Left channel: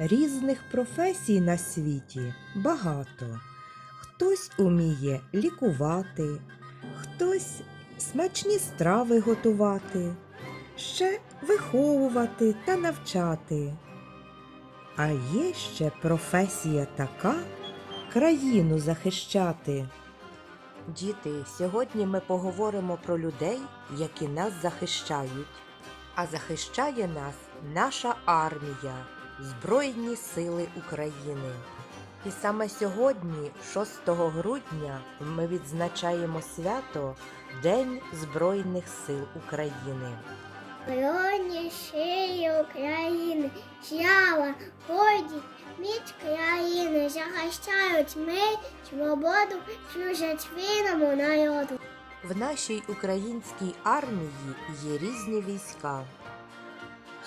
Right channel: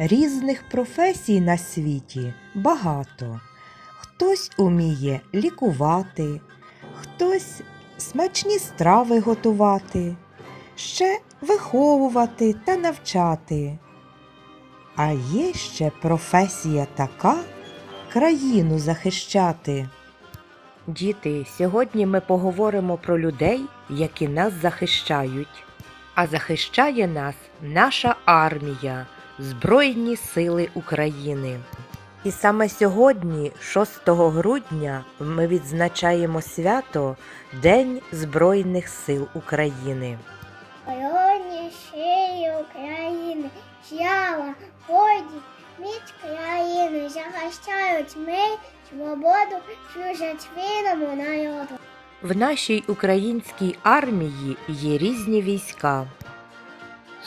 Різних професій на світі багато. Хтось уміє лікувати, хтось смачні страви готувати, ще виховувати та навчати. А є ще професія така країну захищати. Діти, сьогодні ми поговоримо про людей, які нас захищають. А захищає нас наша армія, Збройні Сили України. І саме сьогодні, 6 грудня, ми відзначаємо свято День Збройних сил України. Збройні сили України, сяла, годі, міць країни, захищають мир, свободу, служать вільному народу. В нашій українській армії є різні війська.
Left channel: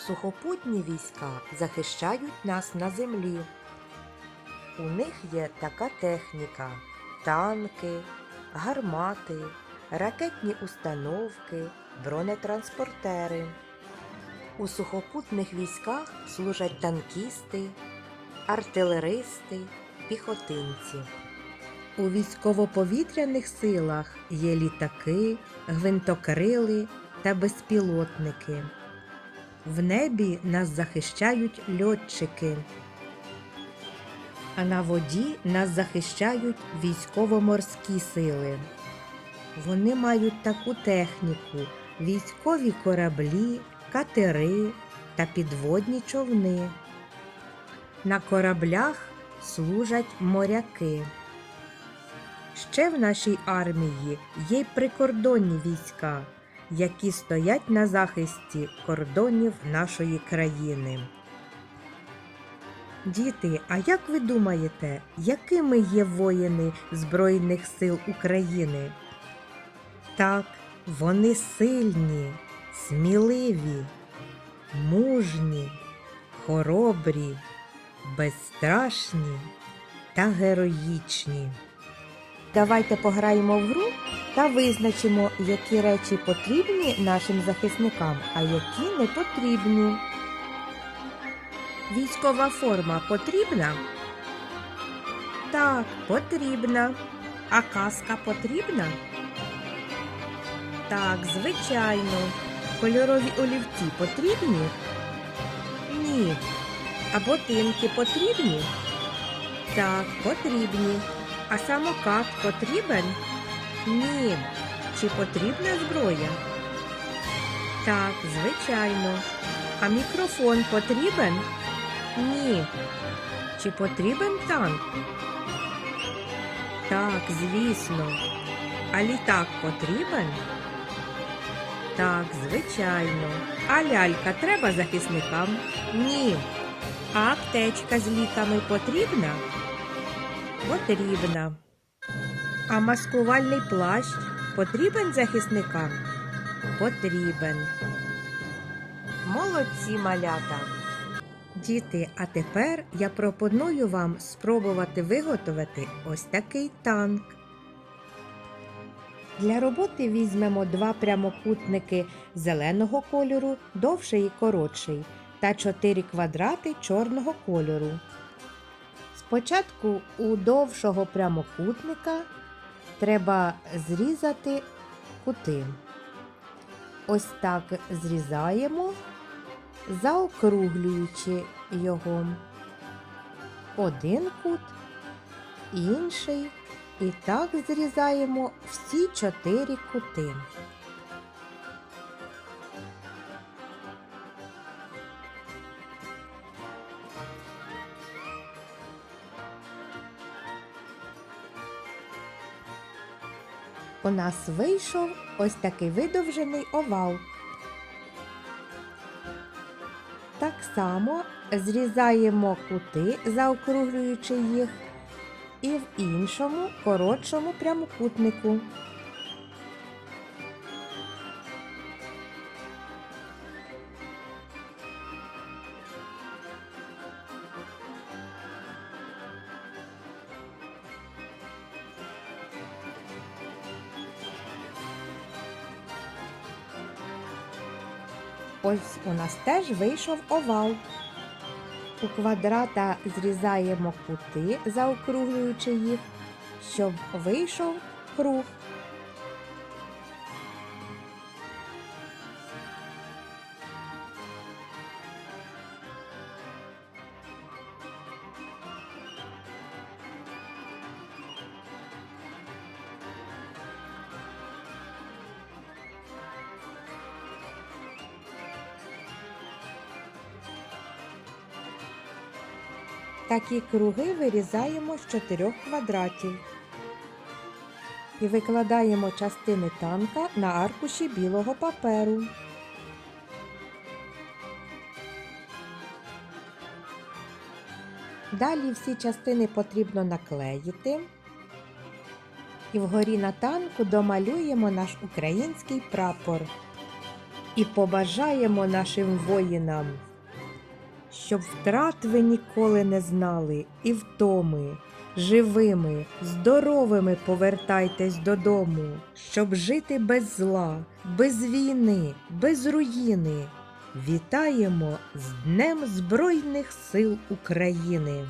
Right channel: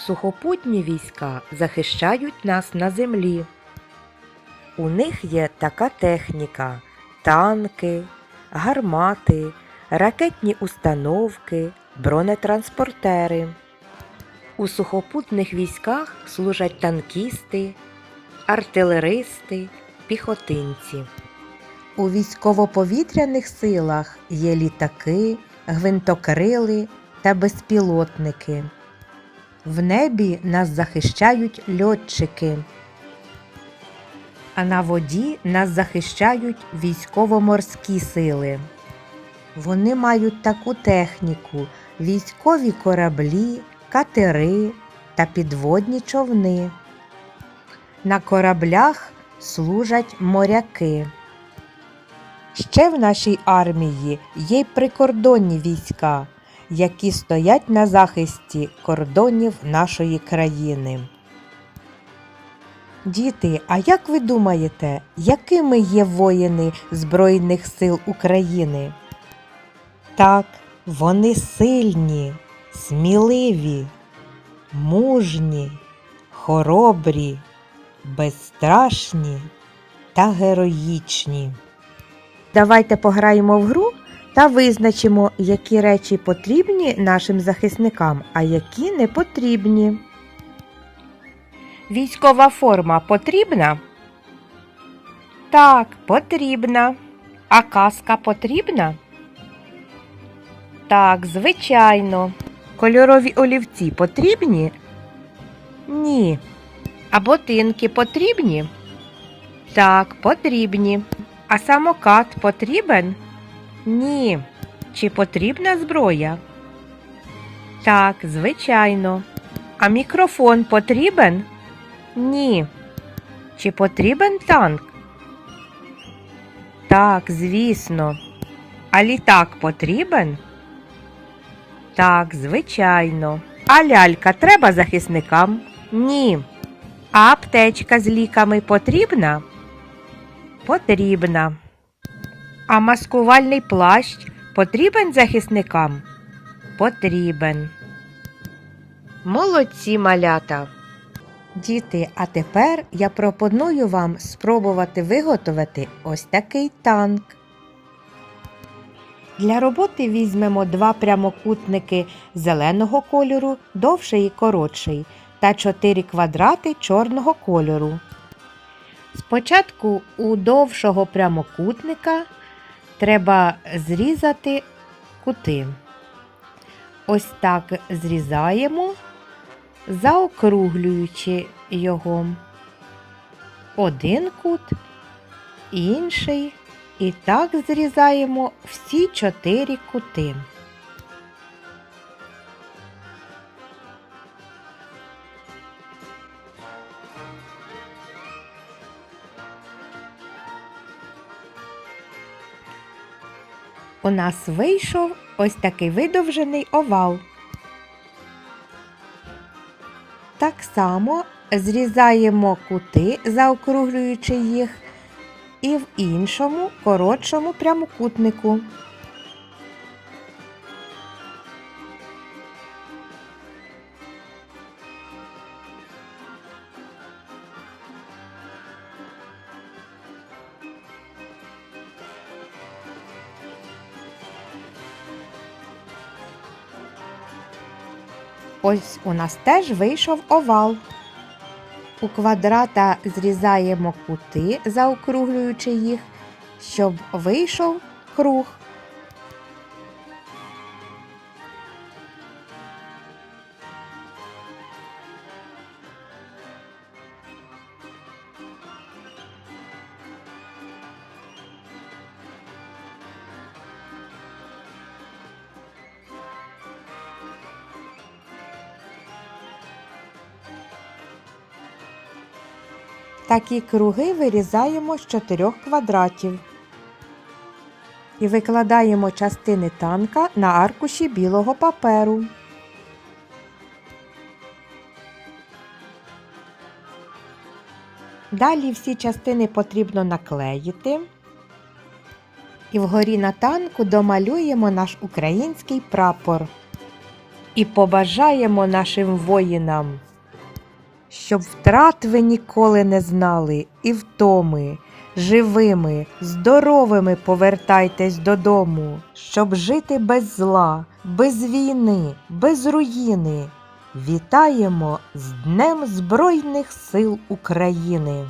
Сухопутні війська захищають нас на землі. У них є така техніка: танки, гармати, ракетні установки, бронетранспортери. У сухопутних військах служать танкісти, артилеристи, піхотинці. У військово-повітряних силах є літаки, гвинтокрили та безпілотники. В небі нас захищають льотчики. А на воді нас захищають військово-морські сили. Вони мають таку техніку: військові кораблі, катери та підводні човни. На кораблях служать моряки. Ще в нашій армії є й прикордонні війська, які стоять на захисті кордонів нашої країни. Діти, а як ви думаєте, якими є воїни Збройних сил України? Так, вони сильні, сміливі, мужні, хоробрі, безстрашні та героїчні. Давайте пограємо в гру та визначимо, які речі потрібні нашим захисникам, а які не потрібні. Військова форма потрібна? Так, потрібна. А каска потрібна? Так, звичайно. Кольорові олівці потрібні? Ні. А ботинки потрібні? Так, потрібні. А самокат потрібен? Ні. Чи потрібна зброя? Так, звичайно. А мікрофон потрібен? Ні. Чи потрібен танк? Так, звісно. А літак потрібен? Так, звичайно. А лялька треба захисникам? Ні. А аптечка з ліками потрібна? Потрібна. А маскувальний плащ потрібен захисникам? Потрібен. Молодці малята. Діти, а тепер я пропоную вам спробувати виготовити ось такий танк. Для роботи візьмемо два прямокутники зеленого кольору, довший і коротший, та чотири квадрати чорного кольору. Спочатку у довшого прямокутника треба зрізати кути. Ось так зрізаємо, заокруглюючи його. Один кут, інший. І так зрізаємо всі чотири кути. У нас вийшов ось такий видовжений овал. Так само зрізаємо кути, заокруглюючи їх, і в іншому коротшому прямокутнику. Ось у нас теж вийшов овал. У квадрата зрізаємо кути, заокруглюючи їх, щоб вийшов круг. Такі круги вирізаємо з чотирьох квадратів. І викладаємо частини танка на аркуші білого паперу. Далі всі частини потрібно наклеїти. І вгорі на танку домалюємо наш український прапор. І побажаємо нашим воїнам щоб втрат ви ніколи не знали і втоми, живими, здоровими повертайтесь додому, щоб жити без зла, без війни, без руїни. Вітаємо з Днем Збройних сил України!